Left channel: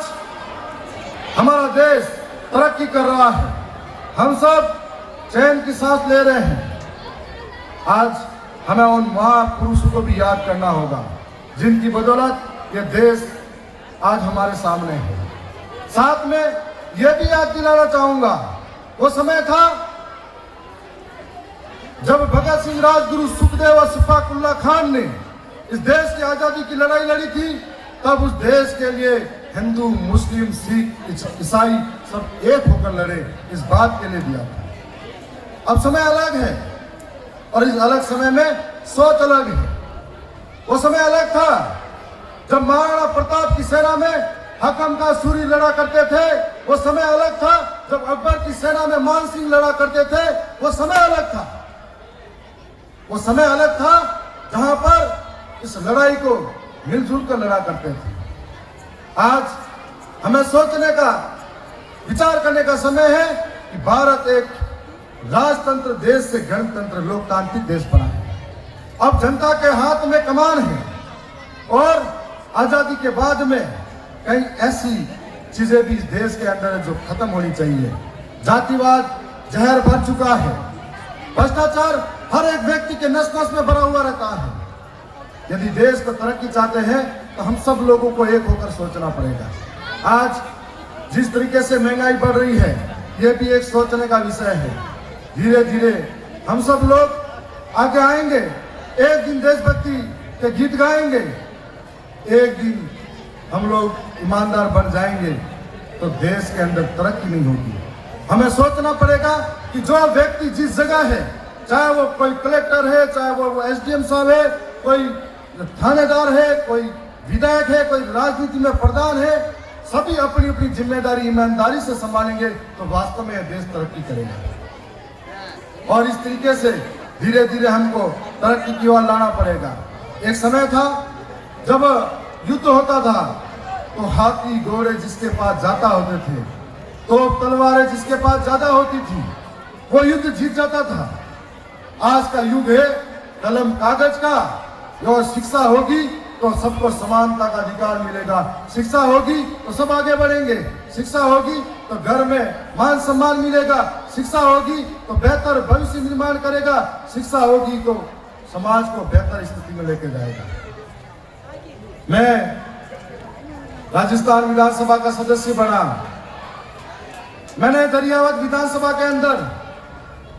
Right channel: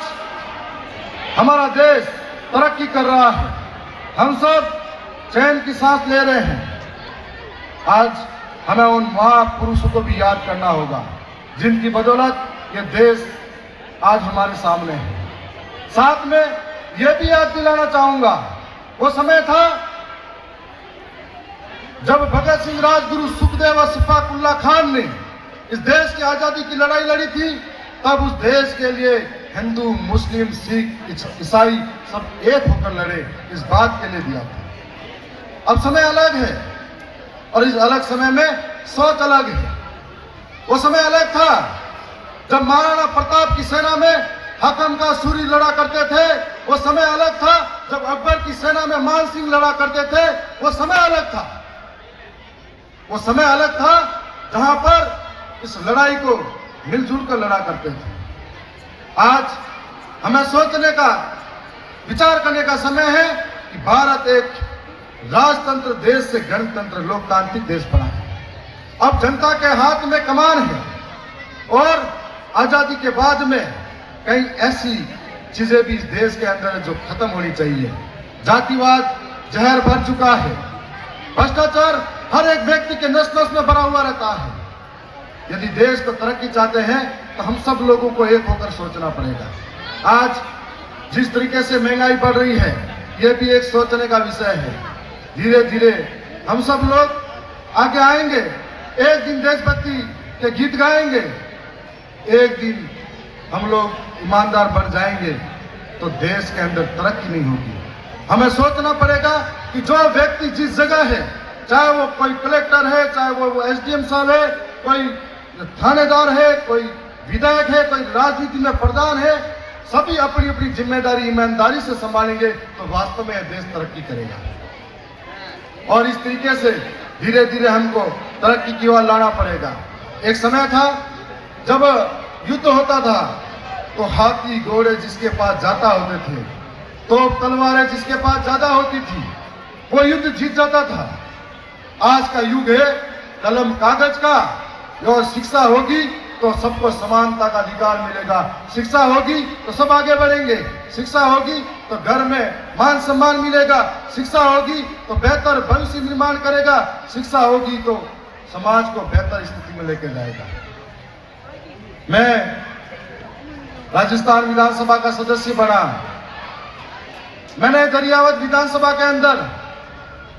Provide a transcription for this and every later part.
आज हमारा देश तरक्की कर रहा है, हम सब चैन की सांस ले रहे हैं। आज हमें उन महापुरुषों को भी याद करना होगा जिनकी बदौलत ये देश आज हमारे सामने है। साथ में यह भी याद दिलाना चाहूंगा, वो समय था जब भगत सिंह, राजगुरु, सुखदेव और शफाकुल्ला खान ने इस देश की आजादी की लड़ाई लड़ी थी। तब उस देश के लिए हिंदू, मुस्लिम, सिख, ईसाई सब एक होकर लड़े, इस बात के लिए दिया था। अब समय अलग है और इस अलग समय में सोच अलग है। वो समय अलग था जब महाराणा प्रताप की सेना में हकम का सूरी लड़ा करते थे। वो समय अलग था जब अकबर की सेना में मान सिंह लड़ा करते थे। वो समय अलग था। वो समय अलग था जहां पर इस लड़ाई को मिलजुल कर लड़ा करते थे। आज हमें सोचने का, विचार करने का समय है कि भारत एक राजतंत्र देश से गणतंत्र लोकतांत्रिक देश बना है। अब जनता के हाथ में कमान है और आजादी के बाद में कई ऐसी चीजें भी इस देश के अंदर जो खत्म होनी चाहिए। जातिवाद जहर भर चुका है, भ्रष्टाचार हर एक व्यक्ति के नस नस में भरा हुआ रहता है। यदि देश को तरक्की चाहते हैं तो हम सब लोगों को एक होकर सोचना पड़ेगा। आज जिस तरीके से महंगाई बढ़ रही है, ये भी एक सोचने का विषय है। धीरे धीरे हम सब लोग आगे आएंगे, एक दिन देशभक्ति के गीत गाएंगे, एक दिन हम लोग ईमानदार बन जाएंगे तो देश के अंदर तरक्की नहीं होगी। हमें सोचना पड़ेगा कि जो व्यक्ति जिस जगह है, चाहे वो कोई कलेक्टर है, चाहे वो एसडीएम साहब है, कोई थानेदार है, कोई विधायक है, कोई राजनीति में प्रधान है, सभी अपनी अपनी जिम्मेदारी ईमानदारी से संभालेंगे तो वास्तव में देश तरक्की करेगा। और इस तरीके से धीरे धीरे हमको तरक्की की ओर लाना पड़ेगा। एक समय था जब युद्ध होता था तो हाथी घोड़े जिसके पास जाता होते थे, तो तलवारें जिसके पास ज्यादा होती थी, वो युद्ध जीत जाता था। आज का युग है कलम कागज का। और शिक्षा होगी तो सबको समानता का अधिकार मिलेगा। शिक्षा होगी तो सब आगे बढ़ेंगे। शिक्षा होगी तो घर में मान सम्मान मिलेगा। शिक्षा होगी तो बेहतर भविष्य निर्माण करेगा। शिक्षा होगी तो समाज को बेहतर स्थिति में लेके जाएगा। मैं राजस्थान विधानसभा का सदस्य बना। मैंने दरियावत विधानसभा के अंदर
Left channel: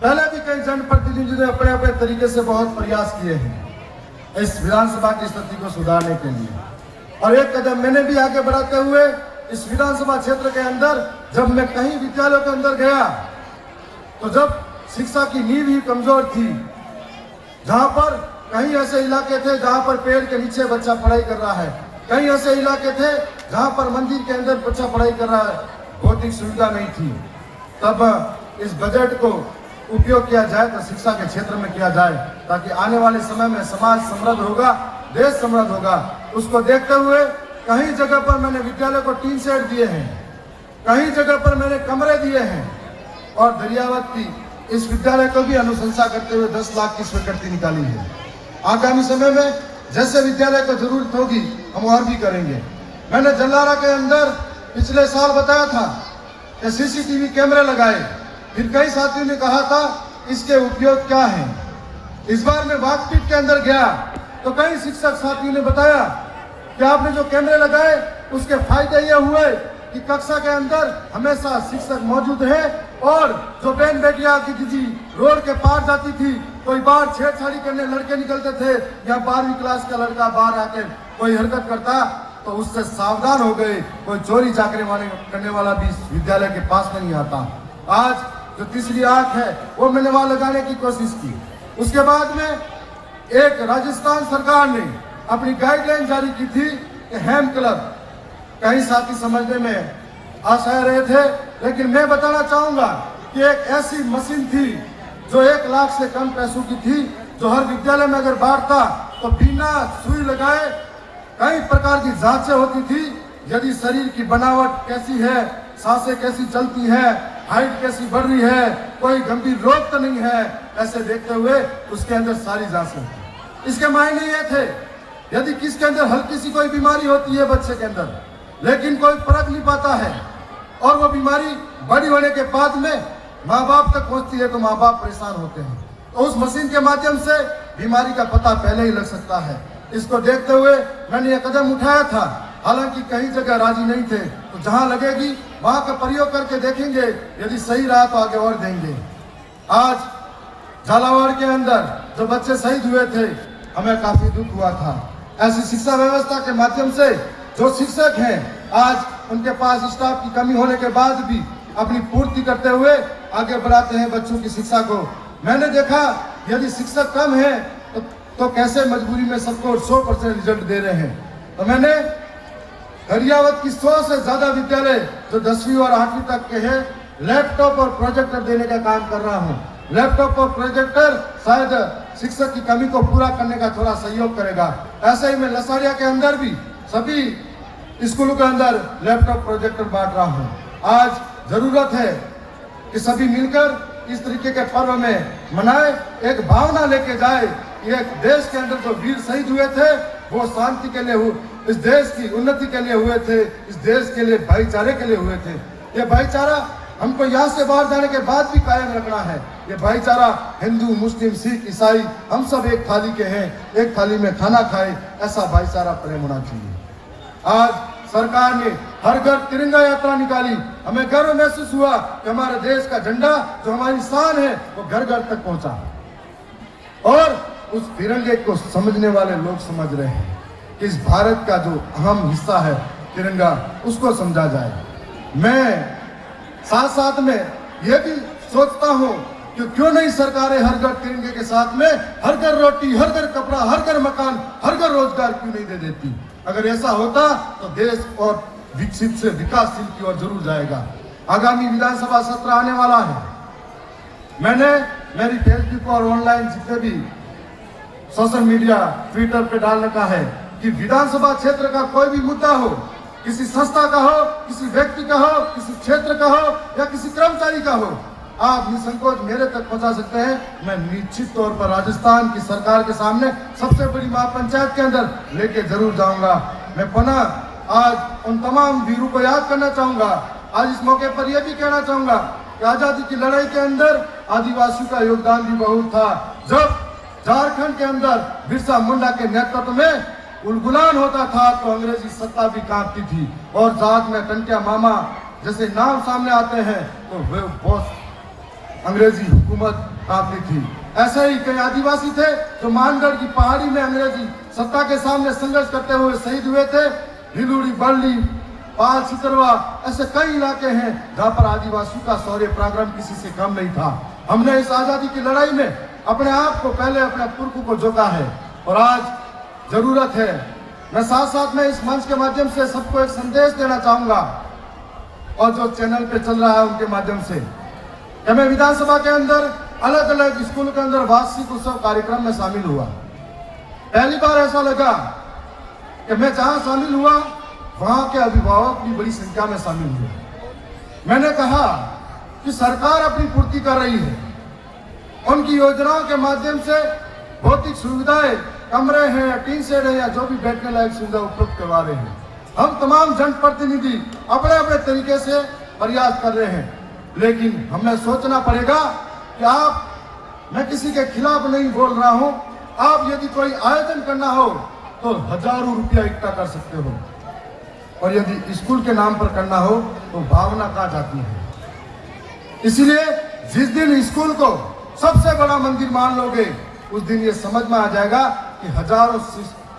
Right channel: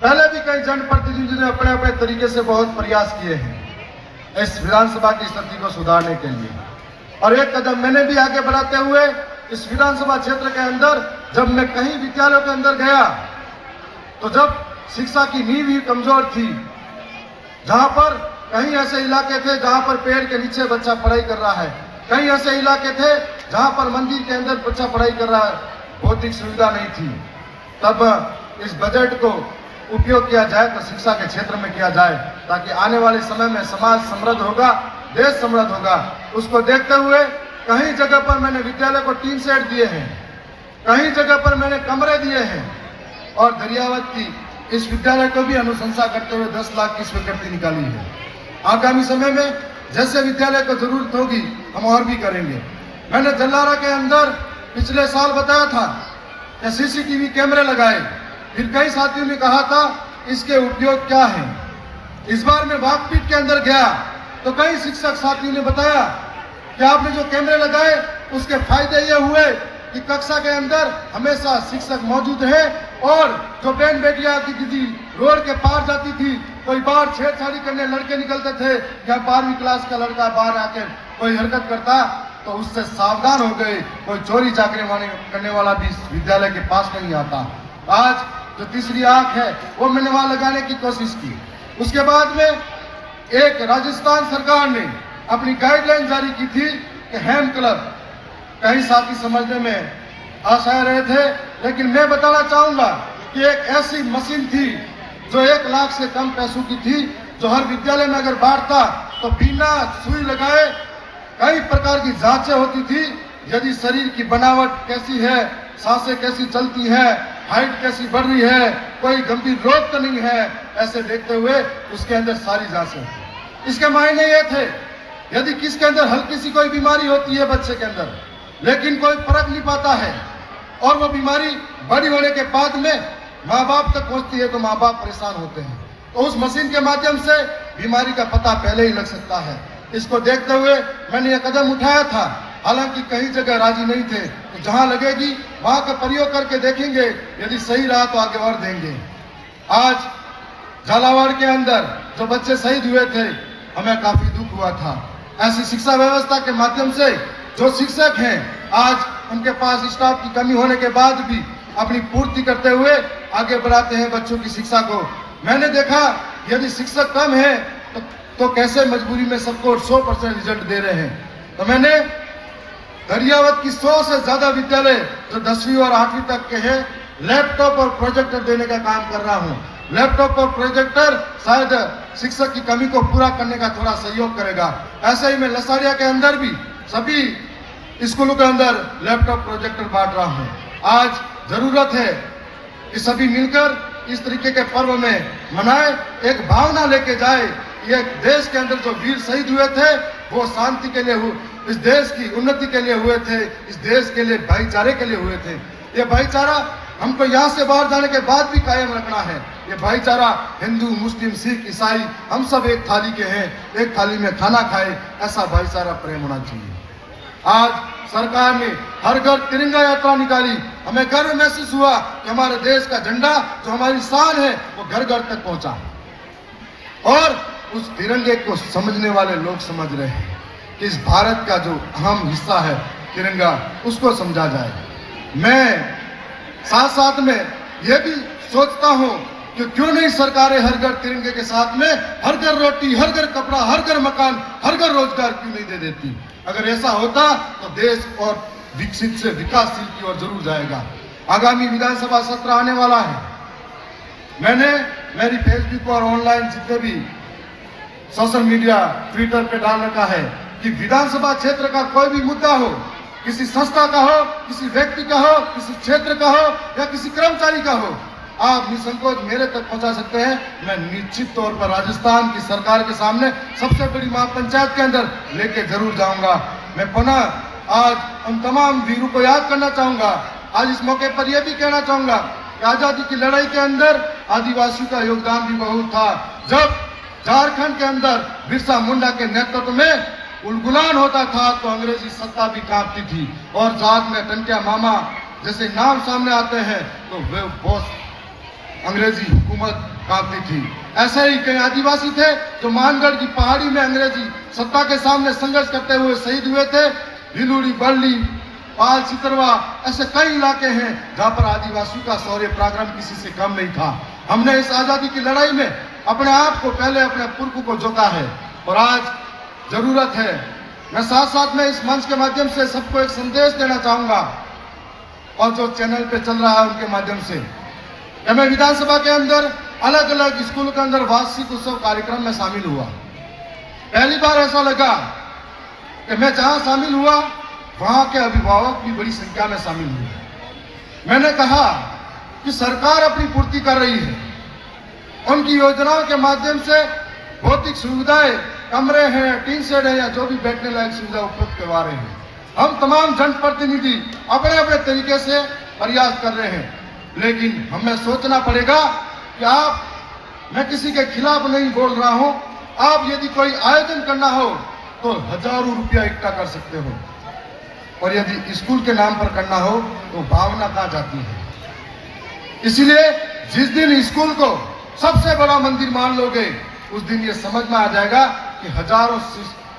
पहले भी कई जनप्रतिनिधियों ने अपने अपने तरीके से बहुत प्रयास किए हैं इस विधानसभा की स्थिति को सुधारने के लिए। और एक कदम मैंने भी आगे बढ़ाते हुए इस विधानसभा क्षेत्र के अंदर जब मैं कहीं विद्यालयों के अंदर गया तो जब शिक्षा की नींव ही कमजोर थी, जहां पर कहीं ऐसे इलाके थे जहां पर पेड़ के नीचे बच्चा पढ़ाई कर रहा है, कई ऐसे इलाके थे जहां पर मंदिर के अंदर बच्चा पढ़ाई कर रहा है, भौतिक सुविधा नहीं थी। तब इस बजट को उपयोग किया जाए तो शिक्षा के क्षेत्र में किया जाए, ताकि आने वाले समय में समाज समृद्ध होगा, देश समृद्ध होगा। उसको देखते हुए कहीं जगह पर मैंने विद्यालय को टीन शेड दिए हैं, कहीं जगह पर मैंने कमरे दिए हैं और दरियावत की इस विद्यालय को भी अनुशंसा करते हुए 10 लाख की स्वीकृति निकाली है। आगामी समय में जैसे विद्यालय को जरूरत होगी हम और भी करेंगे। मैंने जलारा के अंदर पिछले साल बताया था कि सीसीटीवी कैमरे लगाए, फिर कई साथियों ने कहा था इसके उपयोग क्या है। इस बार मैं वाकपीट के अंदर गया तो कई शिक्षक साथियों ने बताया कि आपने जो कैमरे लगाए उसके फायदे ये हुए कि कक्षा के अंदर हमेशा शिक्षक मौजूद है और जो बहन बेटियां की किसी रोड के पार जाती थी, कोई बाहर छेड़छाड़ी करने लड़के निकलते थे या 12वीं क्लास का लड़का बाहर आके कोई हरकत करता तो उससे सावधान हो गए। कोई चोरी चाकरी करने वाला भी विद्यालय के पास में नहीं आता। आज जो तीसरी आंख है वो मैंने वहां लगाने की कोशिश की। उसके बाद में एक राजस्थान सरकार ने अपनी गाइडलाइन जारी की थी कि हैंड क्लब, कई साथी समझने में आशा रहे थे, लेकिन मैं बताना चाहूंगा कि एक ऐसी मशीन थी जो 1 लाख से कम पैसों की थी, जो हर विद्यालय में अगर बांटता तो बिना सुई लगाए कई प्रकार की जांचें होती थी। यदि शरीर की बनावट कैसी है, सांसें कैसी चलती है, हाइट कैसी बढ़ रही है, कोई गंभीर रोग तो नहीं है, ऐसे देखते हुए उसके अंदर सारी जांचें होती। इसके मायने ये थे यदि किसके अंदर हल्की सी कोई बीमारी होती है बच्चे के अंदर लेकिन कोई फर्क नहीं पाता है, और वो बीमारी बड़ी होने के बाद में माँ बाप तक पहुंचती है तो माँ बाप परेशान होते हैं। तो उस मशीन के माध्यम से बीमारी का पता पहले ही लग सकता है। इसको देखते हुए मैंने यह कदम उठाया था। हालांकि कई जगह राजी नहीं थे, तो जहां लगेगी वहां का प्रयोग करके देखेंगे, यदि सही रहा तो आगे बढ़ देंगे। आज झालावाड़ के अंदर जो बच्चे शहीद हुए थे, हमें काफी दुख हुआ था। ऐसी शिक्षा व्यवस्था के माध्यम से जो शिक्षक हैं, आज उनके पास स्टाफ की कमी होने के बाद भी अपनी पूर्ति करते हुए आगे बढ़ाते हैं बच्चों की शिक्षा को। मैंने देखा यदि शिक्षक कम है तो कैसे मजबूरी में सबको 100% रिजल्ट दे रहे हैं। तो मैंने गरियावत की 100 से ज्यादा विद्यालय जो 10वीं और 8वीं तक के हैं, लैपटॉप और प्रोजेक्टर देने का काम कर रहा हूँ। लैपटॉप और प्रोजेक्टर शायद शिक्षक की कमी को पूरा करने का थोड़ा सहयोग करेगा। ऐसे ही मैं लसारिया के अंदर भी सभी स्कूलों के अंदर लैपटॉप प्रोजेक्टर बांट रहा हूँ। आज जरूरत है कि सभी मिलकर इस तरीके के पर्व में मनाए, एक भावना लेके जाए। ये देश के अंदर जो वीर शहीद हुए थे वो शांति के लिए हुए, इस देश की उन्नति के लिए हुए थे, इस देश के लिए भाईचारे के लिए हुए थे। ये भाईचारा हमको यहाँ से बाहर जाने के बाद भी कायम रखना है। ये भाईचारा हिंदू, मुस्लिम, सिख, ईसाई हम सब एक थाली के हैं, एक थाली में खाना खाए, ऐसा भाईचारा प्रेम होना चाहिए। आज सरकार ने हर घर तिरंगा यात्रा निकाली। हमें गर्व महसूस हुआ कि हमारे देश का झंडा जो हमारी शान है वो घर घर तक पहुंचा, और उस तिरंगे को समझने वाले लोग समझ रहे हैं कि इस भारत का जो अहम हिस्सा है तिरंगा, उसको समझा जाए। मैं साथ साथ में ये भी सोचता हूँ कि क्यों नहीं सरकारें हर घर तिरंगे के साथ में हर घर रोटी, हर घर कपड़ा, हर घर मकान, हर घर रोजगार क्यों नहीं दे देती। अगर ऐसा होता तो देश और विकसित से विकासशील की ओर जरूर जाएगा। आगामी विधानसभा सत्र आने वाला है। मैंने मेरी फेसबुक और ऑनलाइन जितने भी सोशल मीडिया, ट्विटर पे डाल रखा है कि विधानसभा क्षेत्र का कोई भी मुद्दा हो, किसी संस्था का हो, किसी व्यक्ति का हो, किसी क्षेत्र का हो या किसी कर्मचारी का हो, आप निसंकोच मेरे तक पहुंचा सकते हैं। मैं निश्चित तौर पर राजस्थान की सरकार के सामने सबसे बड़ी महापंचायत के अंदर लेके जरूर जाऊंगा। मैं पुनः आज उन तमाम वीरों को याद करना चाहूंगा। आज इस मौके पर यह भी कहना चाहूंगा कि आजादी की लड़ाई के अंदर आदिवासियों का योगदान भी बहुत था। जब झारखंड के अंदर बिरसा मुंडा के नेतृत्व में उलगुलान होता था तो अंग्रेजी सत्ता भी कांपती थी, और जात में टंटिया मामा जैसे नाम सामने आते हैं तो वे बहुत अंग्रेजी हुकूमत कांपती थी। ऐसे ही कई आदिवासी थे जो मानगढ़ की पहाड़ी में अंग्रेजी सत्ता के सामने संघर्ष करते हुए शहीद हुए थे। हिलूड़ी, बरली, पाल, सितरवा, ऐसे कई इलाके हैं जहां पर आदिवासियों का शौर्य पराक्रम किसी से कम नहीं था। हमने इस आजादी की लड़ाई में अपने आप को पहले अपने पुरखों को जोता है, और आज जरूरत है। मैं साथ साथ में इस मंच के माध्यम से सबको एक संदेश देना चाहूंगा, और जो चैनल पे चल रहा है उनके माध्यम से। मैं विधानसभा के अंदर अलग अलग स्कूलों के अंदर वार्षिक उत्सव कार्यक्रम में शामिल हुआ। पहली बार ऐसा लगा कि मैं जहां शामिल हुआ वहां के अभिभावक भी बड़ी संख्या में शामिल हुए। मैंने कहा कि सरकार अपनी पूर्ति कर रही है, उनकी योजनाओं के माध्यम से भौतिक सुविधाएं, कमरे हैं, टीन शेड है या जो भी बैठने लायक सुविधा उपलब्ध करवा रहे हैं। हम तमाम जनप्रतिनिधि अपने अपने तरीके से प्रयास कर रहे हैं, लेकिन हमें सोचना पड़ेगा कि मैं किसी के खिलाफ नहीं बोल रहा हूं। आप यदि कोई आयोजन करना हो तो हजारों रुपया इकट्ठा कर सकते हो, और यदि स्कूल के नाम पर करना हो तो भावना कहाँ जाती है। इसलिए जिस दिन स्कूल को सबसे बड़ा मंदिर मान लोगे, उस दिन ये समझ में आ जाएगा कि हजारों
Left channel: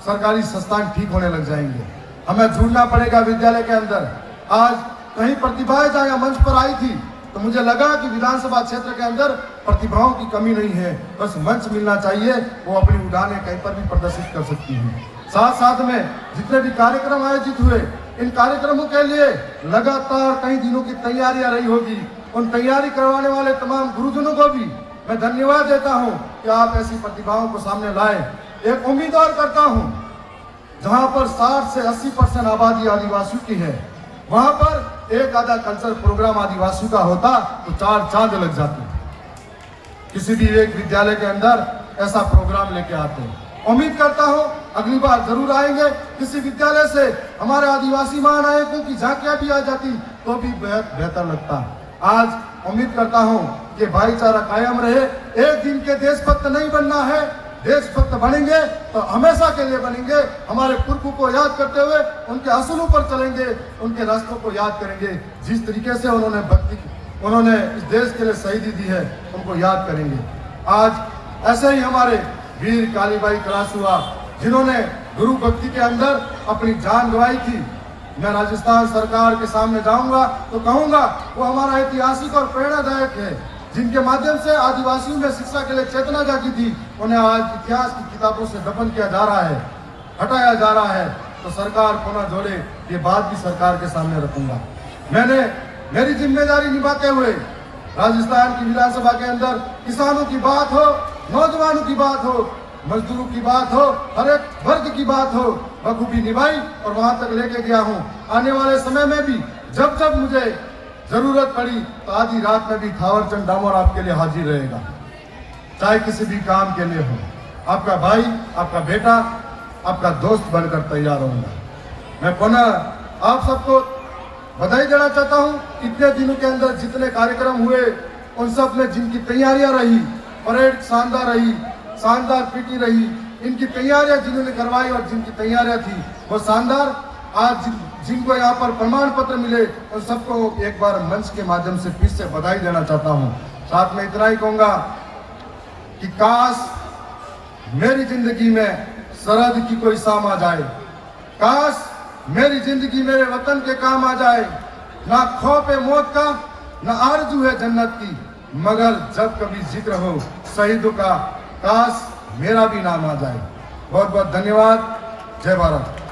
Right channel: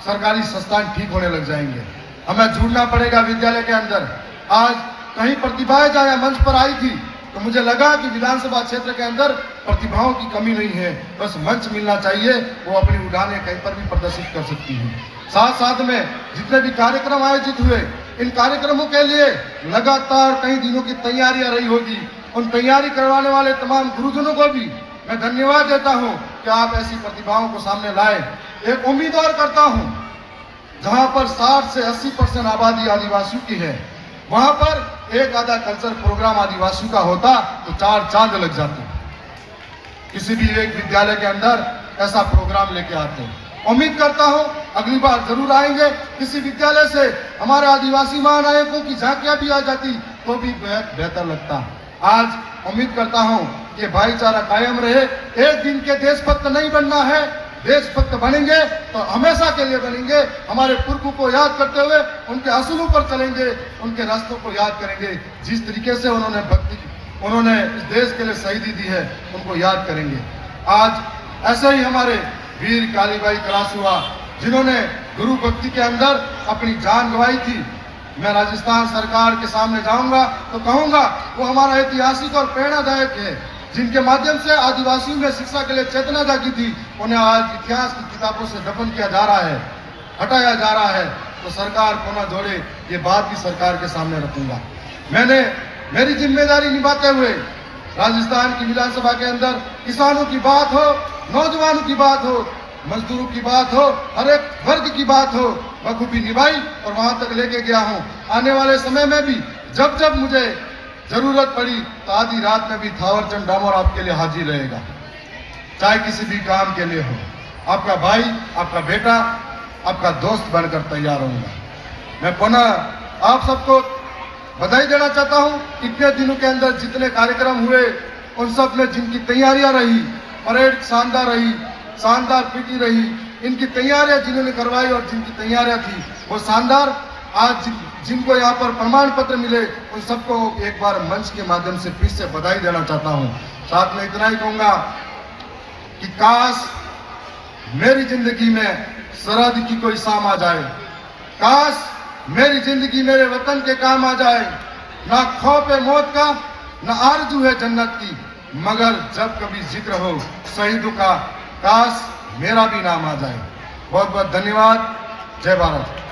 सरकारी संस्थान ठीक होने लग जाएंगे। हमें जुड़ना पड़ेगा विद्यालय के अंदर। आज कहीं प्रतिभाएं जहाँ मंच पर आई थी तो मुझे लगा कि विधानसभा क्षेत्र के अंदर प्रतिभाओं की कमी नहीं है, बस मंच मिलना चाहिए, वो अपनी उड़ानें कहीं पर भी प्रदर्शित कर सकती हैं। साथ साथ में जितने भी कार्यक्रम आयोजित हुए, इन कार्यक्रमों के लिए लगातार कई दिनों की तैयारियां रही होगी। उन तैयारी करवाने वाले तमाम गुरुजनों को भी मैं धन्यवाद देता हूं कि आप ऐसी प्रतिभाओं को सामने लाए। एक उम्मीदवार करता हूं जहां पर 60 से 80% आबादी आदिवासियों की है, वहां पर एक आधा कल्चर प्रोग्राम आदिवासियों का होता तो 4 चांद लग जाते। किसी भी एक विद्यालय के अंदर ऐसा प्रोग्राम लेके आते, उम्मीद करता हूं अगली बार जरूर आएंगे। किसी विद्यालय से हमारे आदिवासी महानायकों की झांकियां भी आ जाती तो भी बेहतर लगता। आज उम्मीद करता हूं कि भाईचारा कायम रहे। एक दिन के देशभक्त नहीं बनना है, देशभक्त बनेंगे तो हमेशा के लिए बनेंगे। हमारे पुरखों को याद करते हुए उनके असूलों पर चलेंगे, उनके रास्तों को याद करेंगे। जिस तरीके से उन्होंने इस देश के लिए शहीदी दी है, उनको याद करेंगे। आज ऐसे ही हमारे वीर कालीबाई कलासुआ, जिन्होंने गुरु भक्ति के अंदर अपनी जान गंवाई थी, मैं राजस्थान सरकार के सामने जाऊंगा तो कहूंगा वो हमारा ऐतिहासिक और प्रेरणादायक है, जिनके माध्यम से आदिवासियों में शिक्षा के लिए चेतना जागी थी। उन्हें आज इतिहास की किताबों से दफन किया जा रहा है, हटाया जा रहा है। तो सरकार को न जोड़े, ये बात भी सरकार के सामने रखूंगा। मैंने मेरी जिम्मेदारी निभाते हुए राजस्थान की विधानसभा के अंदर किसानों की बात हो, नौजवानों की बात हो, मजदूरों की बात हो, हर एक वर्ग की बात हो, बखूबी निभाई और वहां तक लेके गया हूं। आने वाले समय में भी जब जब मुझे जरूरत पड़ी तो आधी रात में भी थावरचंद डामोर आपके लिए हाजिर रहेगा, चाहे किसी भी काम के लिए हो। आपका भाई, आपका बेटा, आपका दोस्त बनकर तैयार होऊंगा। मैं पुनः आप सबको बधाई देना चाहता हूं। इतने दिनों के अंदर जितने कार्यक्रम हुए, उन सब में जिनकी तैयारियां रही, परेड शानदार रही, शानदार पीटी रही, इनकी तैयारियां जिन्होंने करवाई और जिनकी तैयारियां थी वो शानदार। आज जिनको यहाँ पर प्रमाण पत्र मिले, उन सबको एक बार मंच के माध्यम से फिर से बधाई देना चाहता हूँ। साथ में इतना ही कहूँगा कि काश मेरी जिंदगी में सरहद की कोई शाम आ जाए, काश मेरी जिंदगी मेरे वतन के काम आ जाए। ना खौफ है मौत का, ना आरजू है जन्नत की, मगर जब कभी जिक्र हो शहीदों का, काश मेरा भी नाम आ जाए। बहुत बहुत धन्यवाद। जय भारत।